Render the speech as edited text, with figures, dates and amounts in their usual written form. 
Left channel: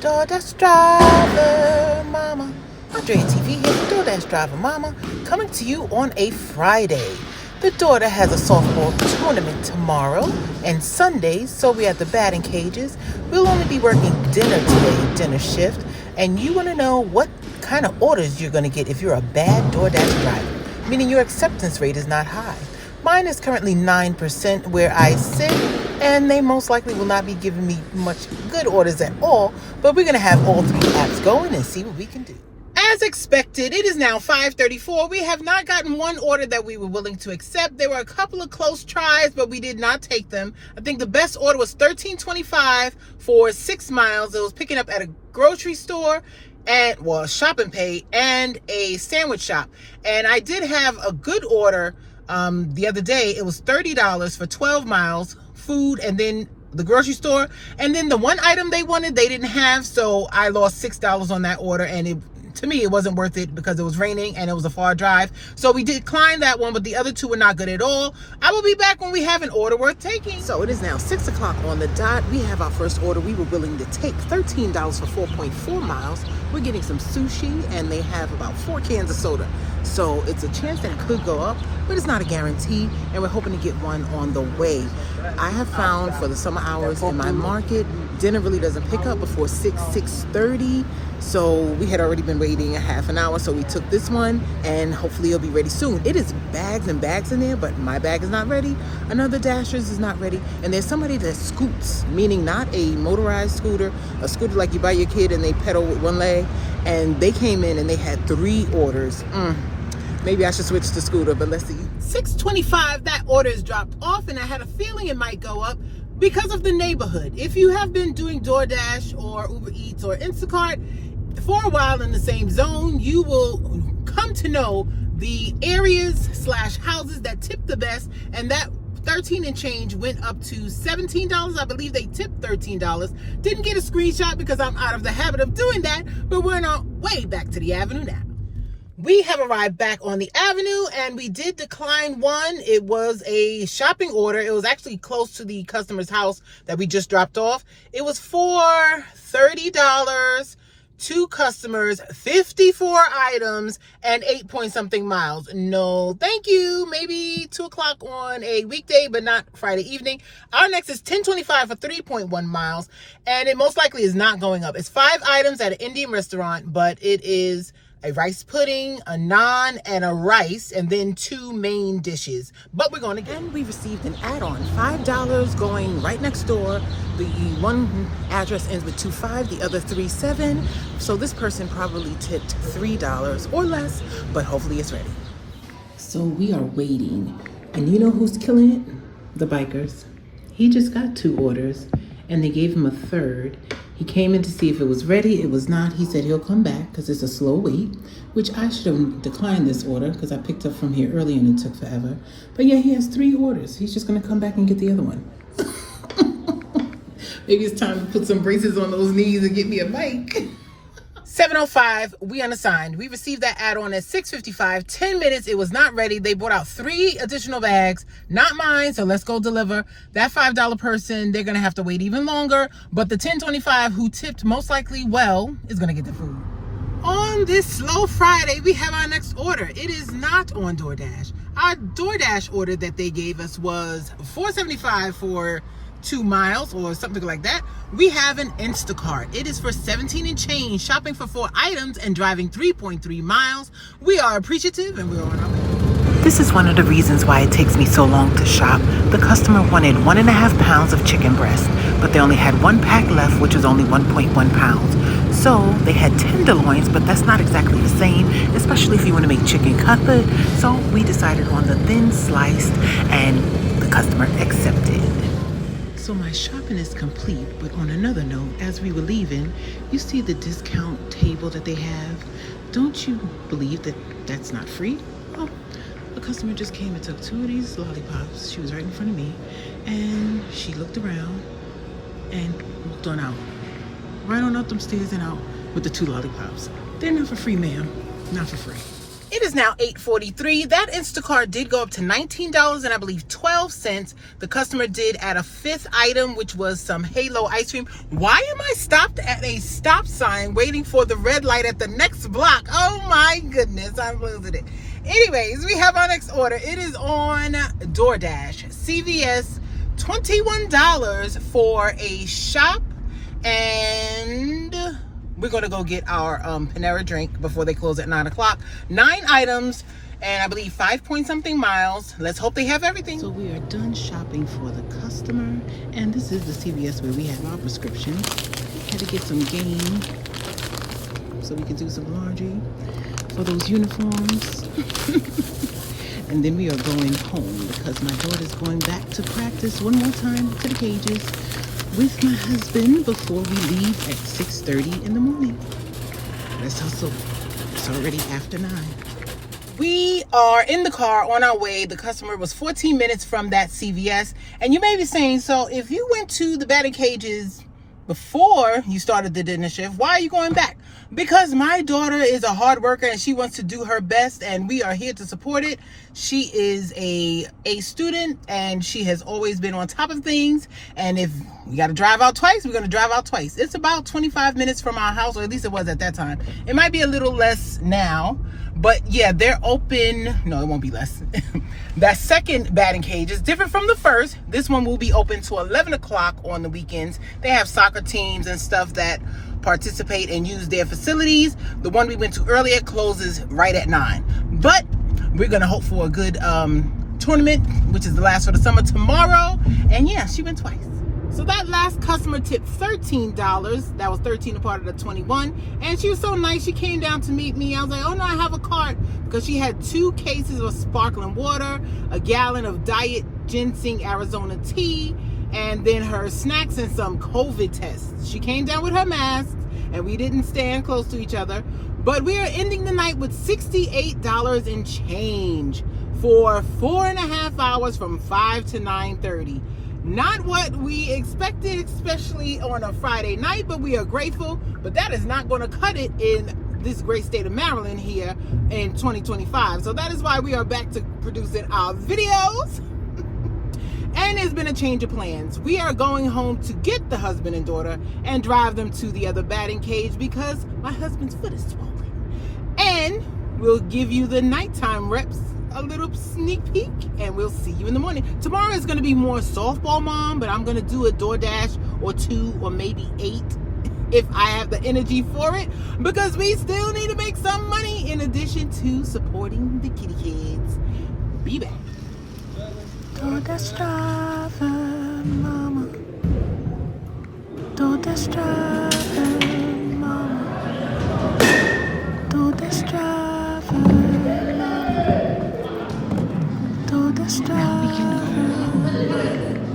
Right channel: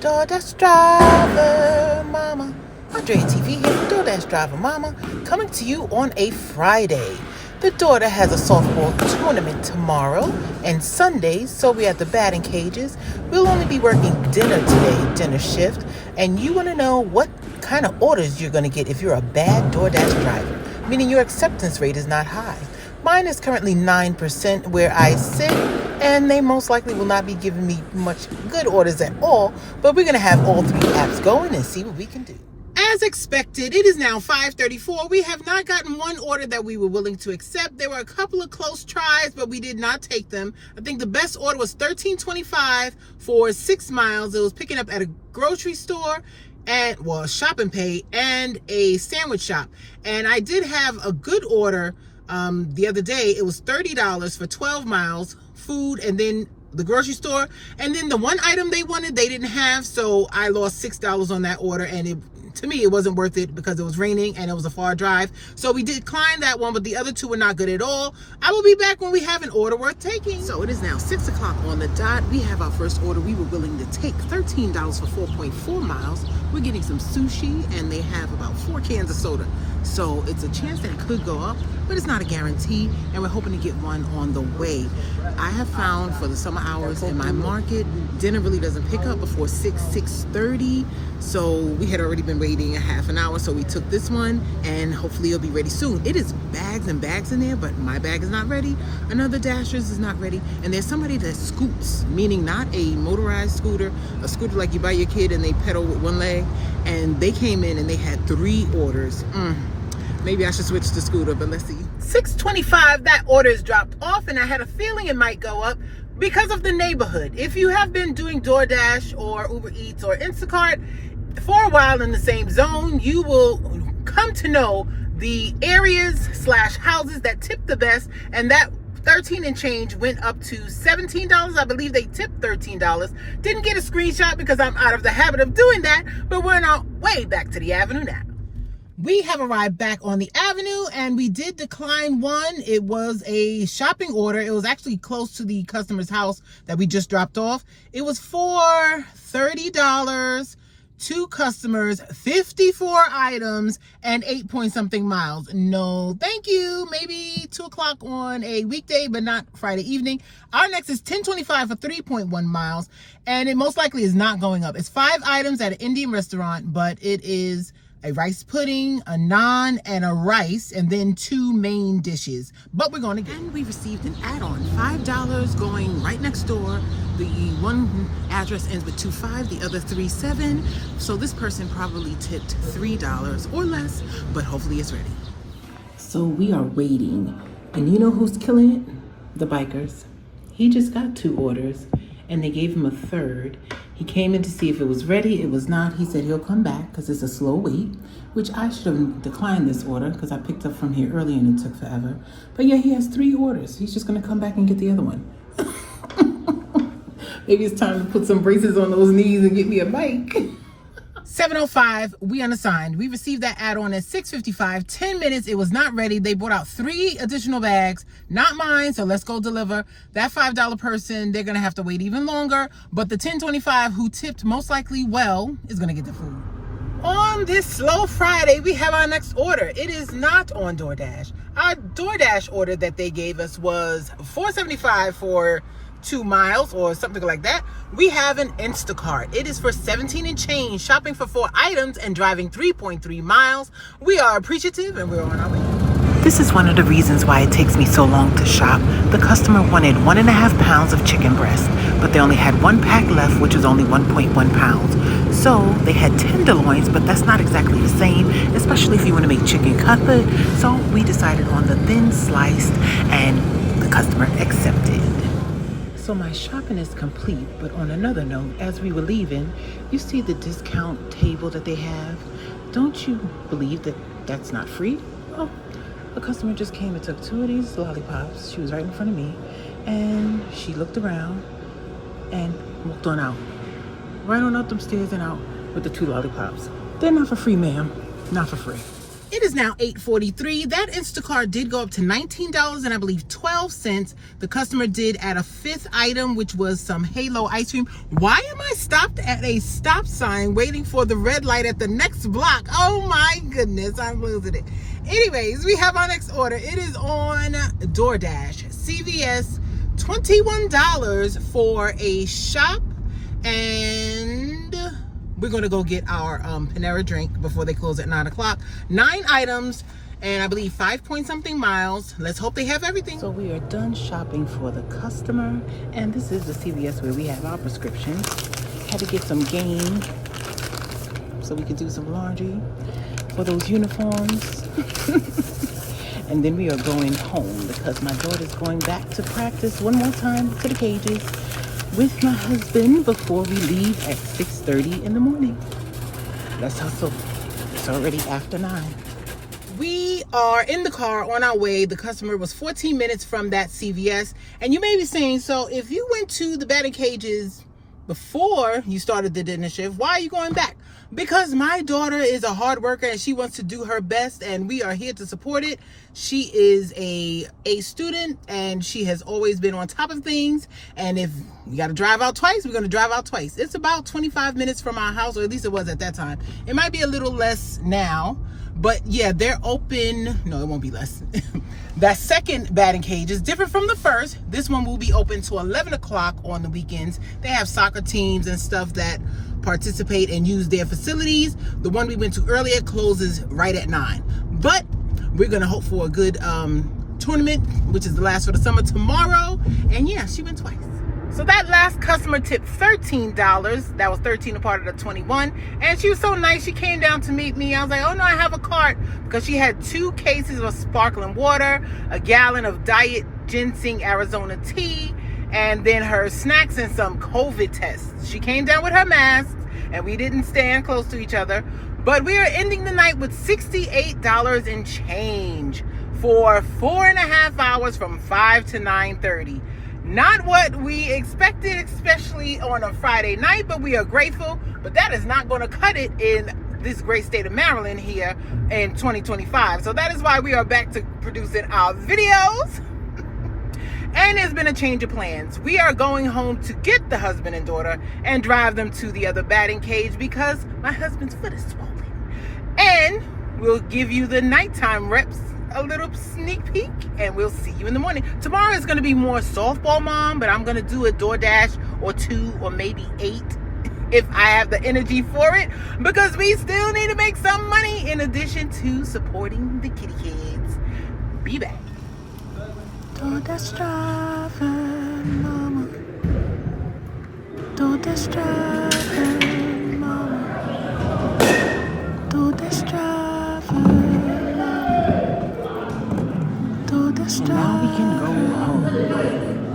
DoorDash driver mama. Andrea TV here for DoorDash driver mama, coming to you on a Friday. The daughter has a softball tournament tomorrow and Sunday, so we're at the batting cages. We'll only be working dinner today, dinner shift, and you want to know what kind of orders you're going to get if you're a bad DoorDash driver, meaning your acceptance rate is not high. Mine is currently 9% where I sit, and they most likely will not be giving me much good orders at all, but we're going to have all three apps going and see what we can do. As expected, it is now 5:34. We have not gotten one order that we were willing to accept. There were a couple of close tries, but we did not take them. I think the best order was $13.25 for 6 miles. It was picking up at a grocery store, shop and pay, and a sandwich shop. And I did have a good order the other day. It was $30 for 12 miles, food, and then the grocery store. And then the one item they wanted, they didn't have, so I lost $6 on that order, and to me, it wasn't worth it because it was raining and it was a far drive. So we declined that one, but the other two were not good at all. I will be back when we have an order worth taking. So it is now 6 o'clock on the dot. We have our first order. We were willing to take $13 for 4.4 miles. We're getting some sushi, and they have about 4 cans of soda. So it's a chance that it could go up, but it's not a guarantee, and we're hoping to get one on the way. I have found for the summer hours in my market, dinner really doesn't pick up before 6:30. So we had already been waiting a half an hour, so we took this one, and hopefully it'll be ready soon. It is bags and bags in there, but my bag is not ready. Another Dasher's is not ready, and there's somebody that scoots, meaning not a motorized scooter, a scooter like you buy your kid and they pedal with one leg, and they came in and they had 3 orders. Maybe I should switch to scooter, but let's see. 6:25, that order is dropped off, and I had a feeling it might go up because of the neighborhood. If you have been doing DoorDash or Uber Eats or Instacart for a while in the same zone, you will come to know the areas / houses that tip the best, and that 13 and change went up to $17. I believe they tipped $13. Didn't get a screenshot because I'm out of the habit of doing that, but we're on our way back to the avenue now. We have arrived back on the avenue, and we did decline one. It was a shopping order. It was actually close to the customer's house that we just dropped off. It was for $30, 2 customers, 54 items, and 8-point-something miles. No, thank you. Maybe 2 o'clock on a weekday, but not Friday evening. Our next is $10.25 for 3.1 miles, and it most likely is not going up. It's 5 items at an Indian restaurant, but it is a rice pudding, a naan, and a rice, and then 2 main dishes. But we're going to get. And we received an add-on, $5 going right next door. The one address ends with 25, the other 37. So this person probably tipped $3 or less, but hopefully it's ready. So we are waiting, and you know who's killing it? The bikers. He just got 2 orders, and they gave him a third. He came in to see if it was ready. It was not. He said he'll come back because it's a slow wait, which I should have declined this order because I picked up from here early and it took forever. But yeah, he has 3 orders. He's just going to come back and get the other one. Maybe it's time to put some braces on those knees and get me a bike. 7:05, we unassigned. We received that add-on at 6:55. 10 minutes, it was not ready. They brought out 3 additional bags, not mine, so let's go deliver. That $5 person, they're gonna have to wait even longer, but the $10.25 who tipped most likely well is gonna get the food. On this slow Friday, we have our next order. It is not on DoorDash. Our DoorDash order that they gave us was $4.75 for 2 miles or something like that. We have an Instacart. It is for 17 and change, shopping for 4 items and driving 3.3 miles. We are appreciative, and we're on our way. This is one of the reasons why it takes me so long to shop. The customer wanted 1.5 pounds of chicken breast, but they only had 1 pack left, which was only 1.1 pounds. So they had tenderloins, but that's not exactly the same, especially if you want to make chicken cutlet. So we decided on the thin sliced, and the customer accepted. So my shopping is complete, but on another note, as we were leaving, you see the discount table that they have. Don't you believe that that's not free? Well, a customer just came and took 2 of these lollipops. She was right in front of me, and she looked around and walked on out. Right on up them stairs and out with the 2 lollipops. They're not for free, ma'am. Not for free. It is now 8:43. That Instacart did go up to $19 and I believe 12 cents. The customer did add a fifth item, which was some Halo ice cream. Why am I stopped at a stop sign waiting for the red light at the next block? Oh my goodness, I'm losing it. Anyways, we have our next order. It is on DoorDash. CVS, $21 for a shop, and we're going to go get our Panera drink before they close at 9 o'clock. 9 items, and I believe 5-point-something miles. Let's hope they have everything. So we are done shopping for the customer, and this is the CVS where we have our prescriptions. Had to get some game so we could do some laundry for those uniforms. And then we are going home because my daughter's going back to practice one more time to the cages with my husband before we leave at 6:30 in the morning. Let's hustle. It's already after 9. We are in the car on our way. The customer was 14 minutes from that CVS. And you may be saying, so if you went to the batting cages before you started the dinner shift, why are you going back? Because my daughter is a hard worker and she wants to do her best, and we are here to support it. She is a student and she has always been on top of things. And if you got to drive out twice, we're going to drive out twice. It's about 25 minutes from our house, or at least it was at that time. It might be a little less now, but yeah, they're open. No, it won't be less. That second batting cage is different from the first. This one will be open to 11 o'clock on the weekends. They have soccer teams and stuff that participate and use their facilities. The one we went to earlier closes right at 9. But we're going to hope for a good tournament, which is the last for the summer, tomorrow. And yeah, she went twice. So that last customer tipped $13. That was 13 a part of the 21. And she was so nice. She came down to meet me. I was like, oh no, I have a cart, because she had 2 cases of sparkling water, a gallon of diet ginseng Arizona tea, and then her snacks and some COVID tests. She came down with her mask, and we didn't stand close to each other. But we are ending the night with $68 and change for 4.5 hours from 5 to 9:30. Not what we expected, especially on a Friday night, but we are grateful. But that is not going to cut it in this great state of Maryland here in 2025. So that is why we are back to producing our videos. And there's been a change of plans. We are going home to get the husband and daughter and drive them to the other batting cage because my husband's foot is swollen. And we'll give you the nighttime reps, a little sneak peek, and we'll see you in the morning. Tomorrow is going to be more softball, Mom, but I'm going to do a DoorDash or 2 or maybe 8 if I have the energy for it, because we still need to make some money in addition to supporting the kitty kids. Be back. DoorDash driver, mama. DoorDash driver, mama. DoorDash driver, mama. DoorDash driver. Now we can go home.